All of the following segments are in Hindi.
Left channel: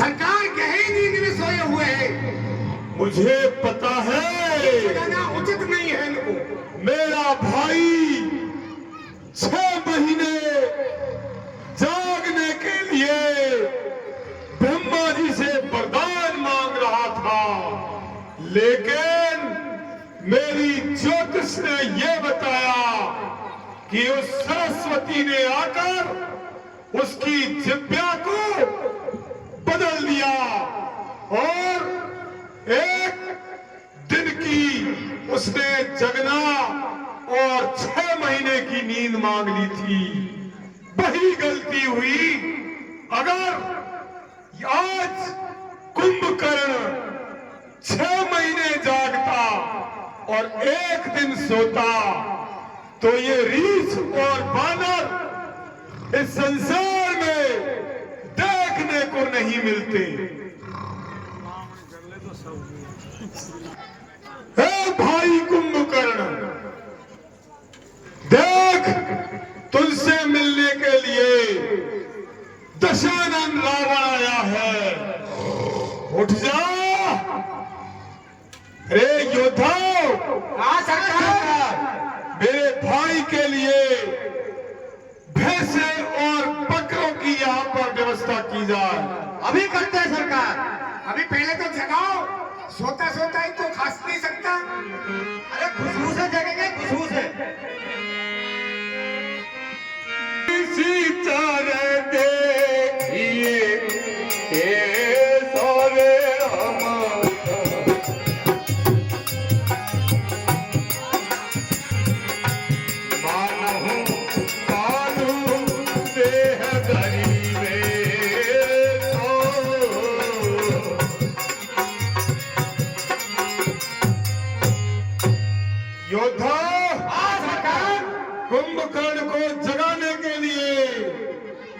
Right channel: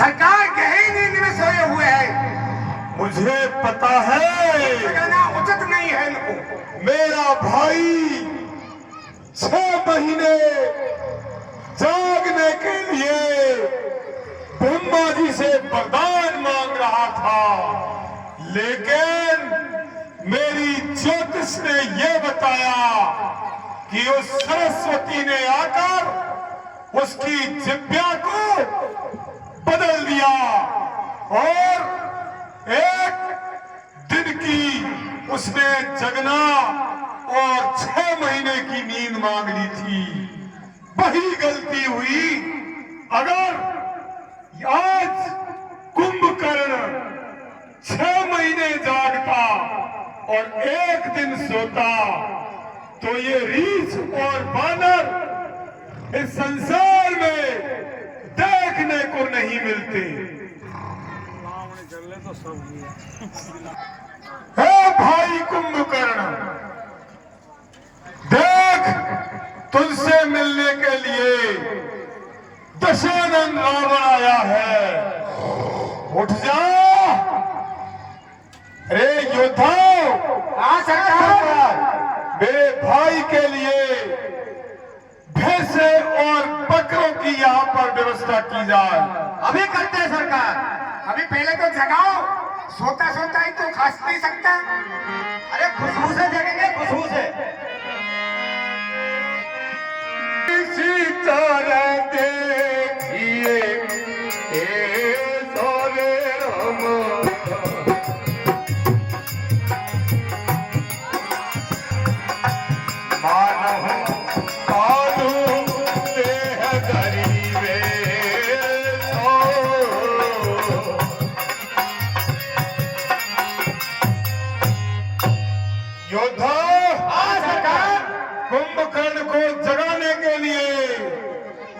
सरकार गहरी नींद में सोए हुए हैं। मुझे पता है जगाना उचित नहीं है इनको। मेरा भाई 6 महीने जागने के लिए ब्रह्मा जी से वरदान मांग रहा था, लेकिन मेरी ज्योतिष ने यह बताया कि उस सरस्वती ने आकर उसकी जिब्या को बदल दिया और एक दिन की उसने जगना और 6 महीने की नींद मांग ली थी। वही गलती हुई। अगर आज कुंभकर्ण 6 महीने जागता और एक दिन सोता तो ये रीछ और बानर इस संसार में देखने को नहीं मिलते। हे भाई कुंभकर्ण, देख तुझसे मिलने के लिए दशानन रावण आया है। उठ जा। अरे योद्धाओ, सरकार, मेरे भाई के लिए भैंसे और बकरों की यहाँ पर व्यवस्था की जाए। अभी करते हैं सरकार। अभी पहले तो जगाओ। सोता सोता ही तो खास नहीं सकता। अरे खुशबू से जगेंगे, खुशबू से। सितारे देखिए ये सोरे हम, मानहु कालू देह गरीबे सो। योद्धा, कुंभकर्ण को जगाने के लिए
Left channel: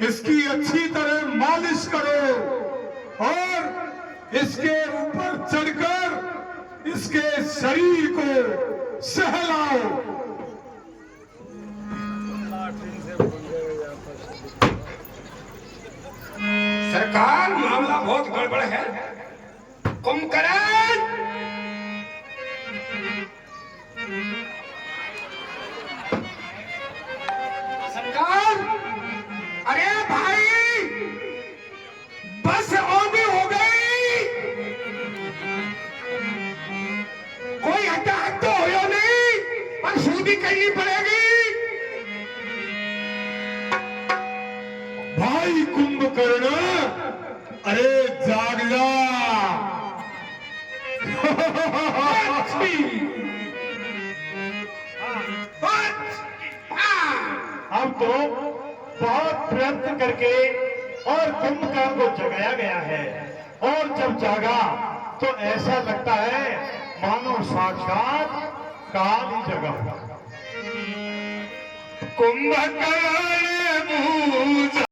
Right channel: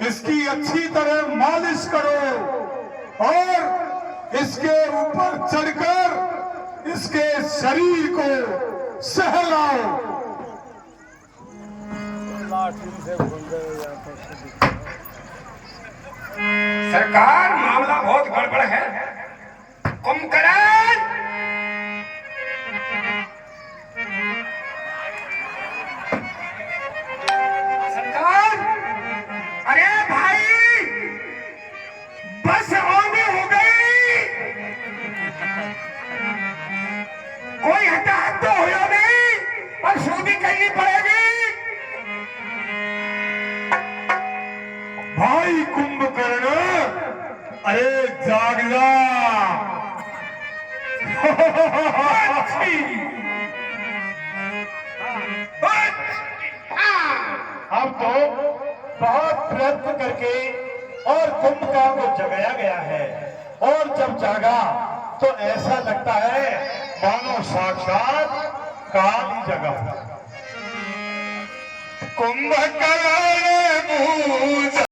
इसकी अच्छी तरह मालिश करो और इसके ऊपर चढ़कर इसके शरीर को सहलाओ। सरकार, मामला बहुत गड़बड़ है। कुंभकर्ण, सरकार, अरे भाई, बस आने हो गई। कोई हटाहट तो हो नहीं, पर सूदी करनी पड़ेगी। भाई कुंभकर्ण, अरे जाग जा। हम तो बहुत प्रयत्न करके और कुंभकर्ण को जगाया गया है, और जब जागा तो ऐसा लगता है मानो साक्षात काल ही जगा। कुंभकर्ण बूझ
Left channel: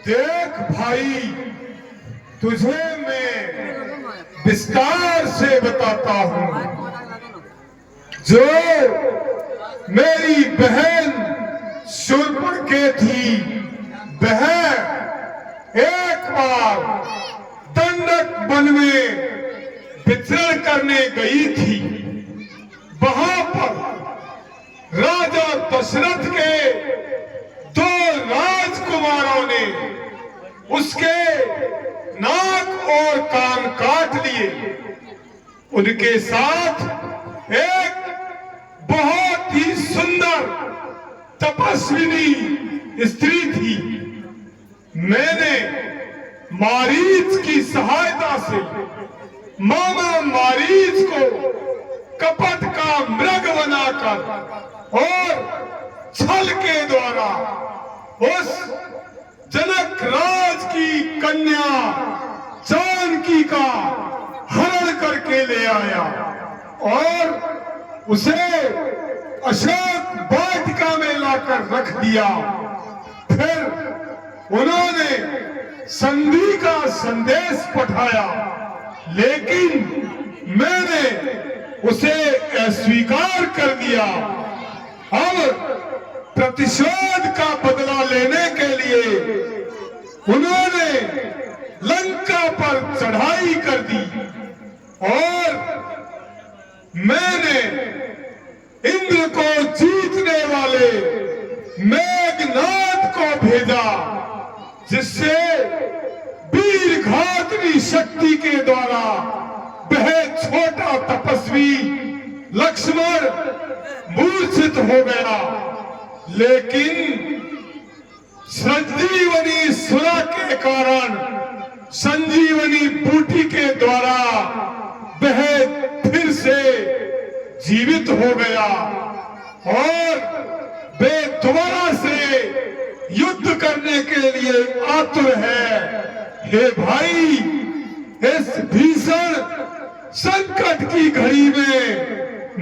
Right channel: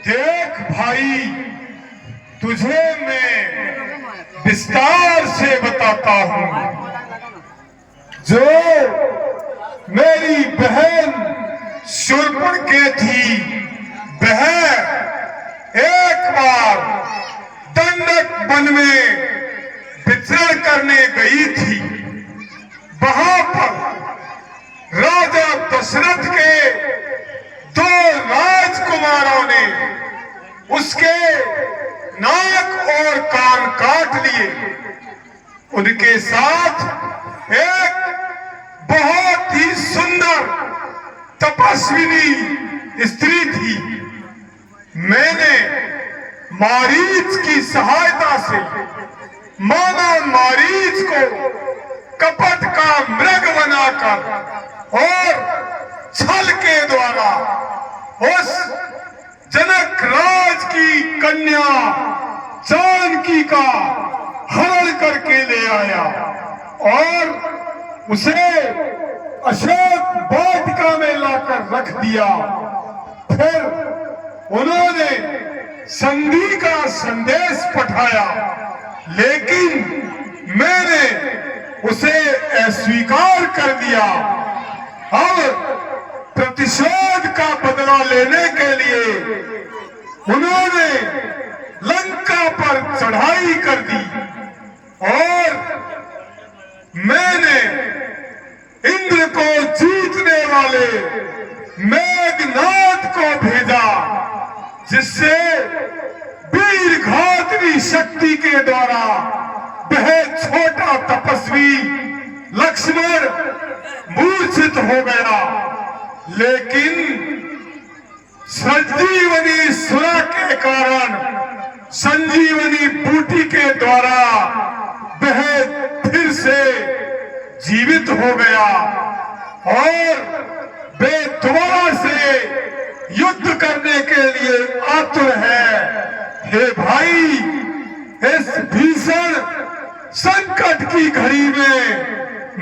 देख भाई, तुझे मैं विस्तार से बताता हूं। जो मेरी बहन शूर्पणखा थी, वह एक बार दंडक वन में विचरण करने गई थी। वहां पर राजा दशरथ के 2 राजकुमारों ने उसके नाक और कान काट लिए। उनके साथ एक बहुत ही सुंदर तपस्विनी स्त्री थी। मैंने मारीच की सहायता से मामा मारीच को कपट का मृग बनाकर और छल के द्वारा उस जनक राज की कन्या जानकी का हरण करके ले आया और उसे अशोक वाटिका में लाकर रख दिया। फिर उन्होंने संधि का संदेश पठाया, लेकिन मैंने उसे अस्वीकार कर दिया। अब प्रतिशोध का बदला लेने के लिए उन्होंने लंका पर चढ़ाई कर दी और मैंने इंद्र को जीतने वाले मेघनाद को भेजा, जिससे वीर घातनी शक्ति के द्वारा वह छोटा तपस्वी लक्ष्मण मूर्छित हो गया। लेकिन संजीवनी सुरा के कारण, संजीवनी बूटी के द्वारा वह फिर से जीवित हो गया और वे दोबारा से युद्ध करने के लिए आतुर है। हे भाई, इस भीषण संकट की घड़ी में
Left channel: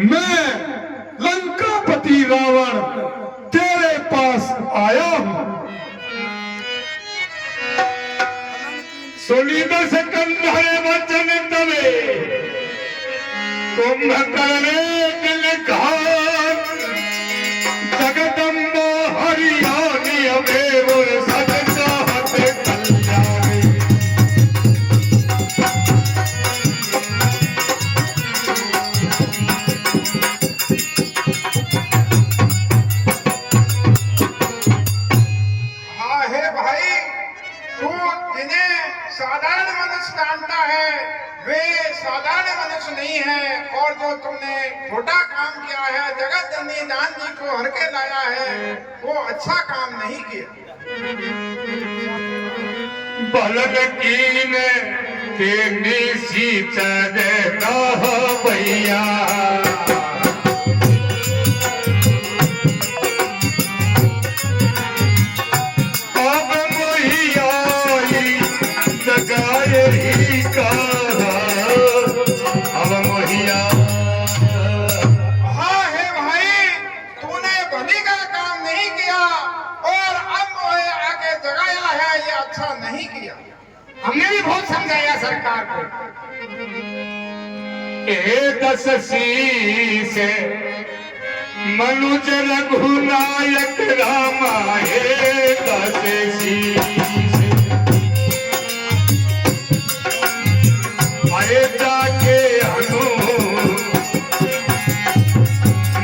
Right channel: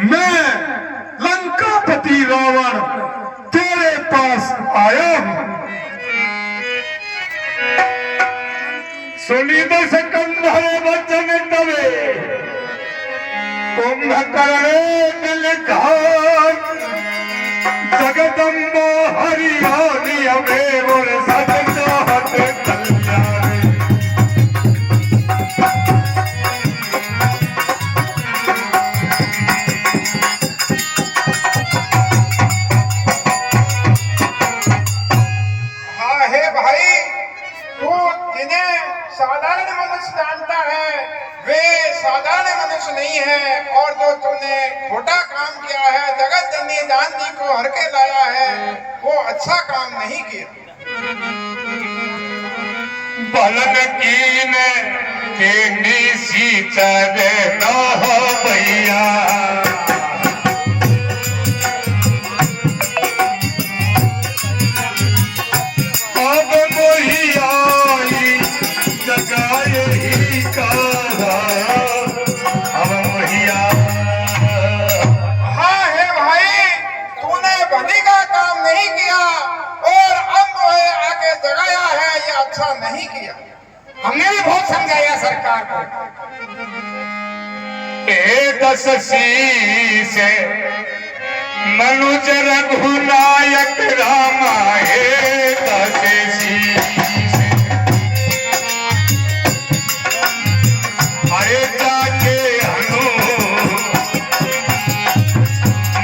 मैं लंकापति रावण तेरे पास आया हूं। सुनिद सिकंदर वचन तवे कुंभकर्ण दिलखान जगदम्बो हरियाणी अमेव सदन चाहत कल्याणी। हाँ हे भाई, तू जिन्हें साधारण मनुष्य जानता है वे साधारण मनुष्य नहीं है, और जो तुमने छोटा काम किया है, जगत जननी जानकी को हर के लाया है, वो अच्छा काम नहीं किया। बलग कीन के सीचर न हो भैया, अब मोहिया जगाए ही कहा, अब मोहिया। हाँ हे भाई, तूने भली का काम नहीं किया और अब मोहे आके जगाया है, ये अच्छा नहीं किया। हमने भी बहुत समझाया सरकार को। दस से मनुज रघुनायक रामा, हे दस अरे जाके हनु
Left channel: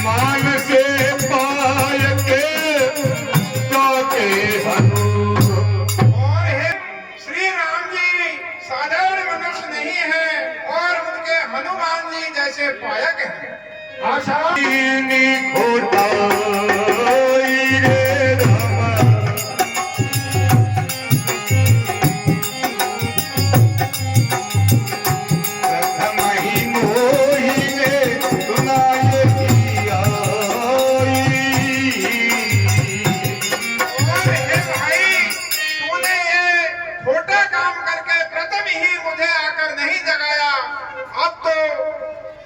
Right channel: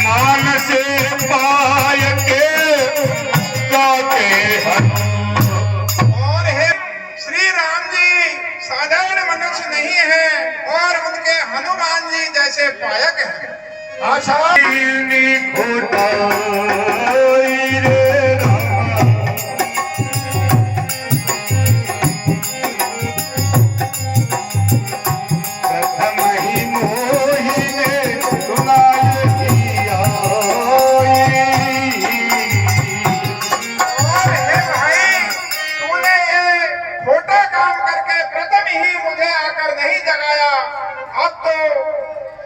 मान से पाय के जाके हनु। और हे श्री राम जी साधारण मनुष्य नहीं है और उनके हनुमान जी जैसे पायक हैं। आशा खोटा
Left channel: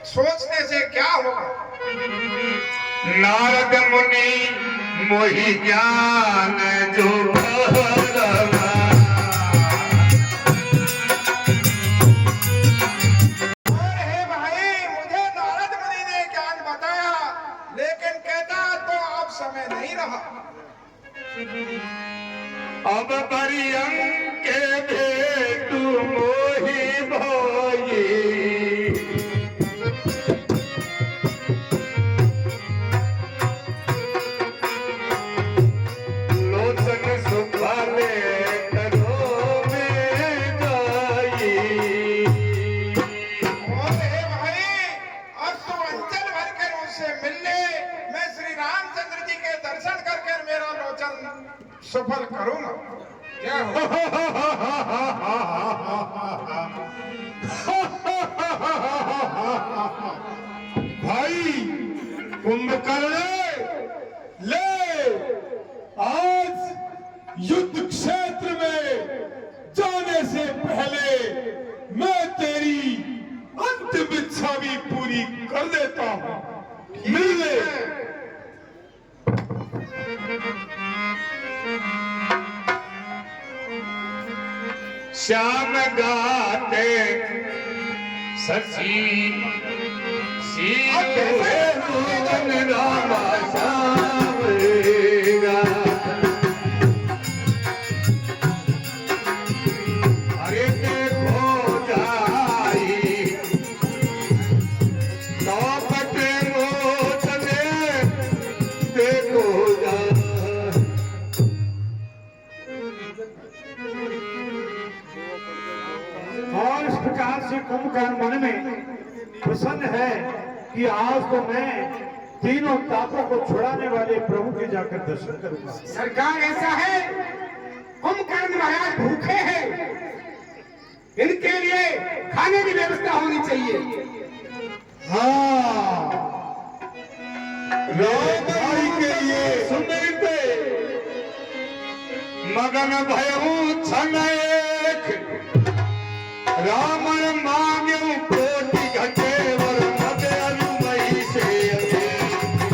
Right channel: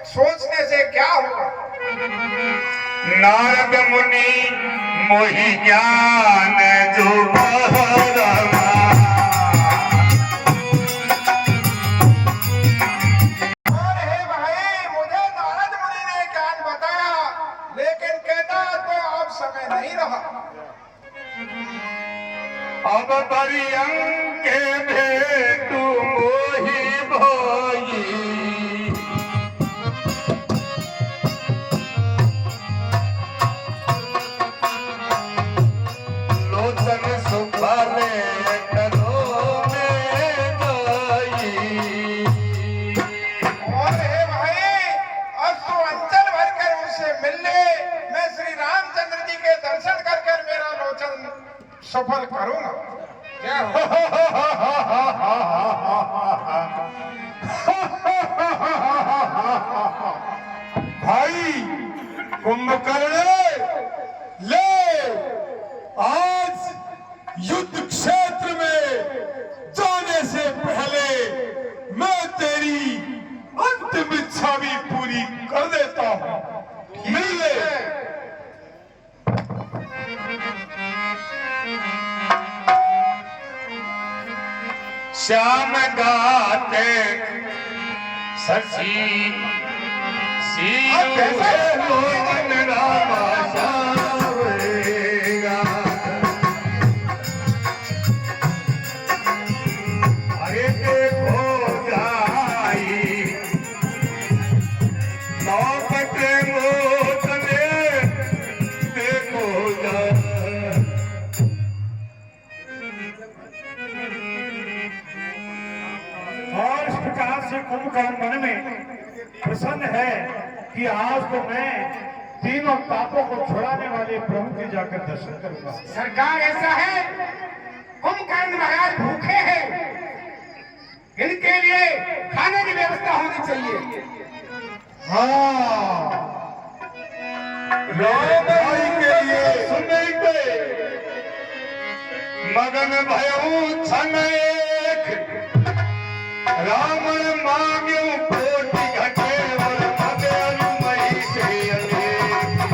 सोचने से क्या होगा। नारद मुनि मोहि ज्ञान जो बहरवा। और हे भाई, मुझे नारद मुनि ने ज्ञान बताया, लेकिन कहता तो अब समय नहीं रहा। अब परियंक के भेटू मोहि भाई, सुखाले करो में जाई। और हे भाई, अब तो अंचल भर कर उनसे मिलने, मैं श्री रामचंद्र जी के दर्शन कर मेरा लोचन सफल करूंगा। क्या भाई कुंभकर्ण, ले आज युद्ध क्षेत्र में जाने से पहले मैं तेरी अंतिम इच्छा भी पूरी कर देता हूं। श्याम गाते सखी मोहन रामा श्याम अरे देखो जाई बापट मोतने देखो और इस प्रकार से कुंभकर्ण मन में प्रसन्न है कि आज तो मैं तीनों पापों को छुड़ाने वाले प्रभु के जाकर दर्शन करूंगा। सरकार ऐसा है, कुंभकर्ण महाराज भूखे हैं, इनके लिए खाने की व्यवस्था होनी चाहिए। हाँ, राम भाई के लिए सुनते मगन भयऊ छनेक रावण मांग्यो कोटि घटे वर मते अनुमई से अनेक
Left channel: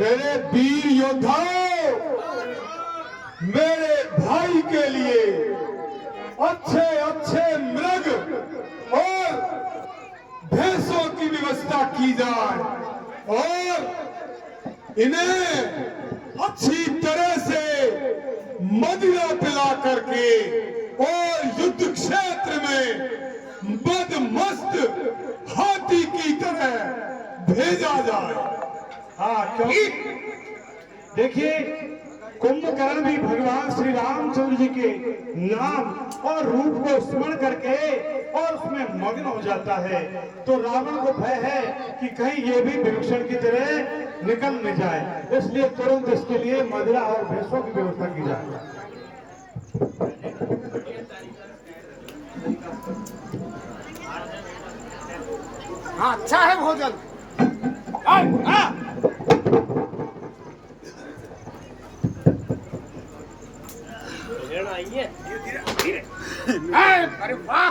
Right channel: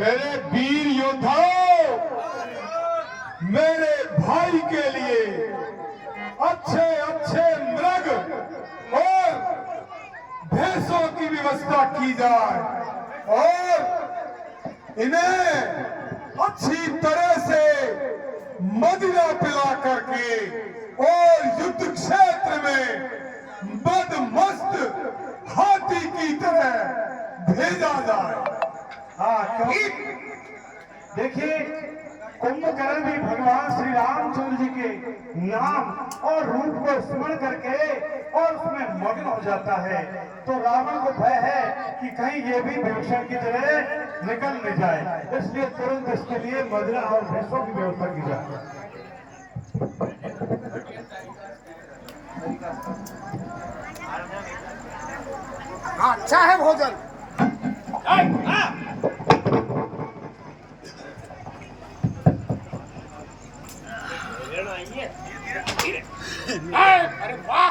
मेरे वीर योद्धाओं, मेरे भाई के लिए अच्छे अच्छे मृग और भैंसों की व्यवस्था की जाए और इन्हें अच्छी तरह से मदिरा पिला करके और युद्ध क्षेत्र में बदमस्त हाथी की तरह भेजा जाए। हाँ, क्योंकि देखिए कुंभकर्ण भी भगवान श्री रामचंद्र जी के नाम और रूप को स्मरण करके और उसमें मग्न हो जाता है, तो रावण को भय है कि कहीं ये भी विभीषण की तरह निकल न जाए, इसलिए तुरंत इसके लिए मदिरा और भैंसों की व्यवस्था की जाए। हाँ, अच्छा है भोजन। अरे वाह,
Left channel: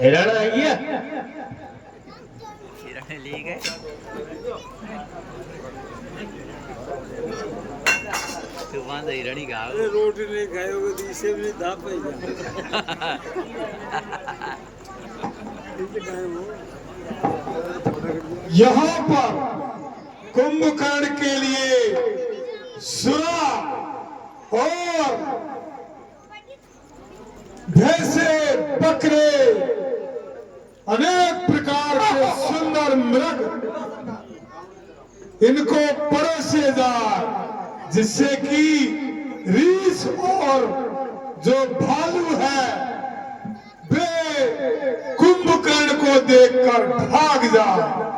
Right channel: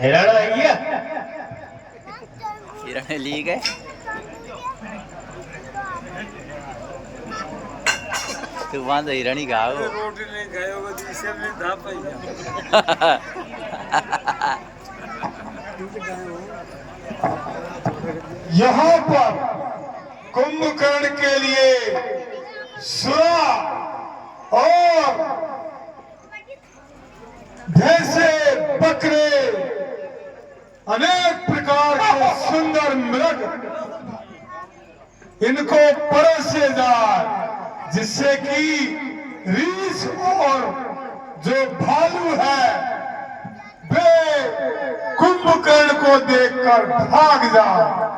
हिरण आइए, हिरण ले गए। तू वहां से हिरण ही खाओ। रोटी नहीं खाओगे तो इसे भी धा पाई यहाँ पर कुंभकर्ण के लिए सुरा और भैंसे बकरे अनेक प्रकार के सुंदर मृग इनको परोसे जाए, जिससे कि रीछ और जो भालू है वे कुंभकर्ण को देखकर भाग जाए।